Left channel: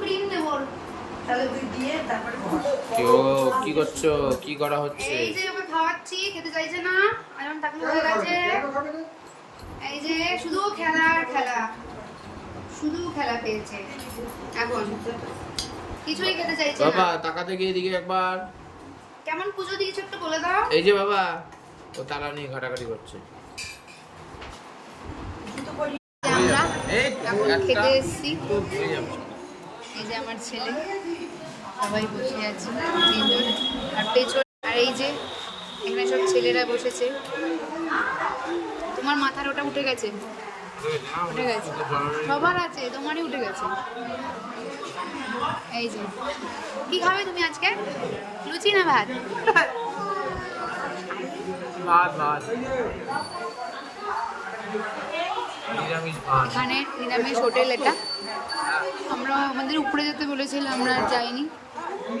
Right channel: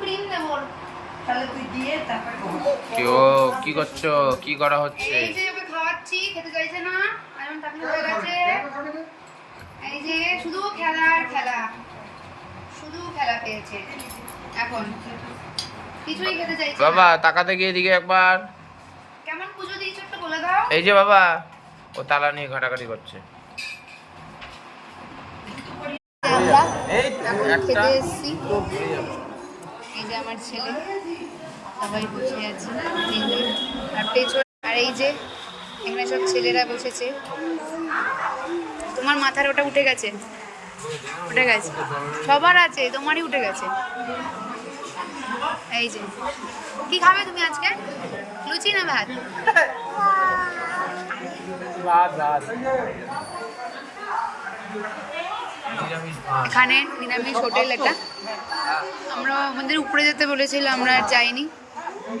Cream দেব তাহলে তুই দিয়ে তারপরে কি করছো? কি করা হচ্ছে? এই যে ওকে খাওয়াচ্ছি, খেতে চাইছে না, এখন তাকলে হয়ে গেছে। এই যে শুধু খেলা আর খেলা, শুধু খেলা পেয়েছে এখন, কিছুই খেতে চাইছে না। বাবা তাকাতে গিয়ে এদিকে একবার। কেমন পুজো দিয়েছো একটু বলে দাও। এই যে বাবা, ও তালা নিয়ে ঘাটাঘাটি করছে। আমরা খেতে এসেছি, এই যে আমার ছেলে, সবাই বসে আছে তিনজন, আর পেছন, আর এই যে এখানে সব ছেলেরা বসেছে। তোমার মাথার ওটা উঠে গেছে, উঠে গেছে, সবার আছে, তোমারই উঠে গেছে। এই যে কি খাবে তুমি আজকে, লুচি না ভাত? এখানে নিরামিষ হোটেল এটা, আমরা আমাদের উপরে যেতে বলেছিল, আমরা আর যাইনি।